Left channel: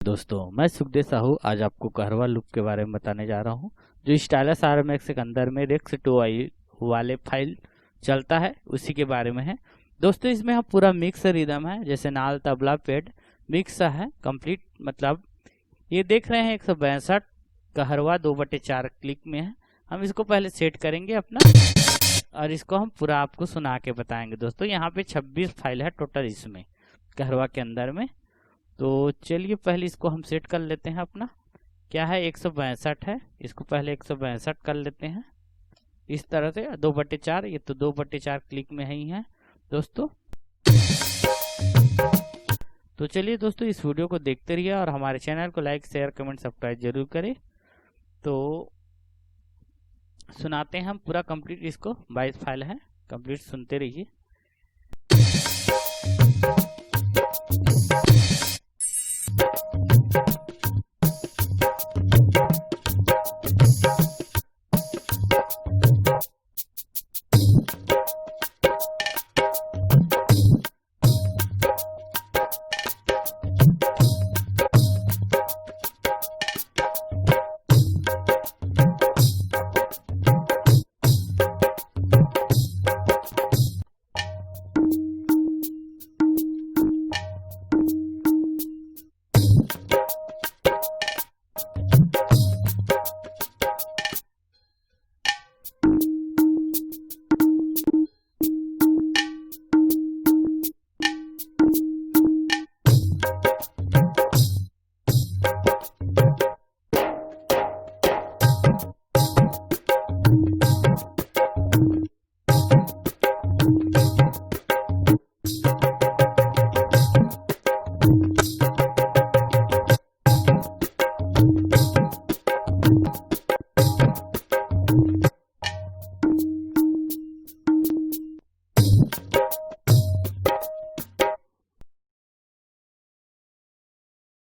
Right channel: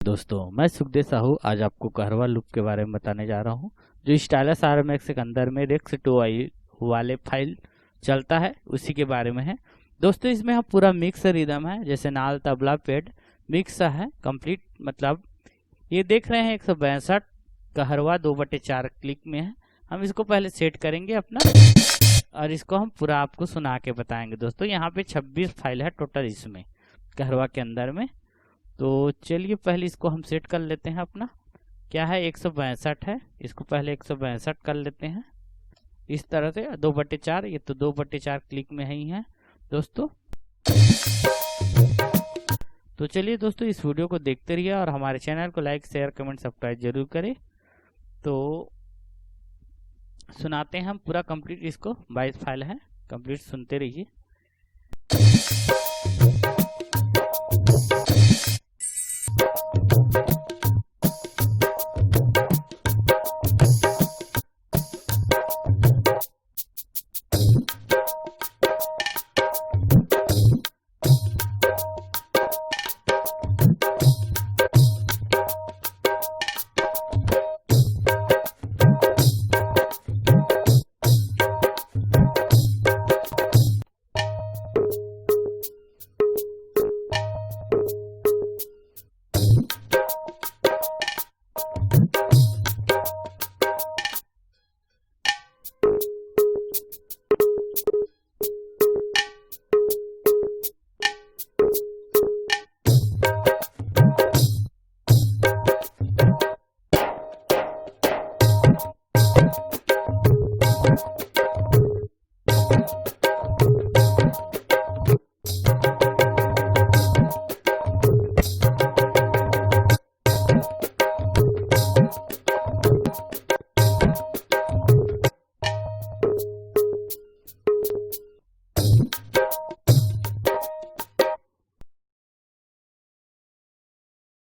दोस्तों मैं सुखदेव साहू आज आपको कहरवा लूप के बारे में बताने जा रहा हूँ जो स्टाइलस RMX के अंदर में रेक्स 2i वाले फाइल चलता है उसी के बारे में है। दोस्तों इसमें हम पूरा मिक्स रिदम है, जैसे नाल तबला पेड मिक्स है कंप्लीट। मतलब ये देख रहे हैं 162 कहरवा 2/4 क्लिक में है। हम इसको पहले सेट करेंगे अपना और इसको हम पूरा आपको सुना के बताएंगे। दोस्तों यहाँ पे 26 फाइल है टोटल इसमें कहरवा के अंदर में। तो चलिए पहले इसको हम सेट कर लेते हैं। अपना क्या है 162 है, इसको पहले 162 कर लेते हैं इस तरह से 2/4। ये तो 2/4 क्लिक में ही है दोस्तों। तो चलिए दोस्तों इस वीडियो को देखते रहिए और हमारे चैनल को लाइक शेयर कमेंट सब्सक्राइब जरूर करें। तो सुनाते हैं हम पूरा कंप्लीट, इसको 22 फाइल है कंप्लीट, सुनते रहिए।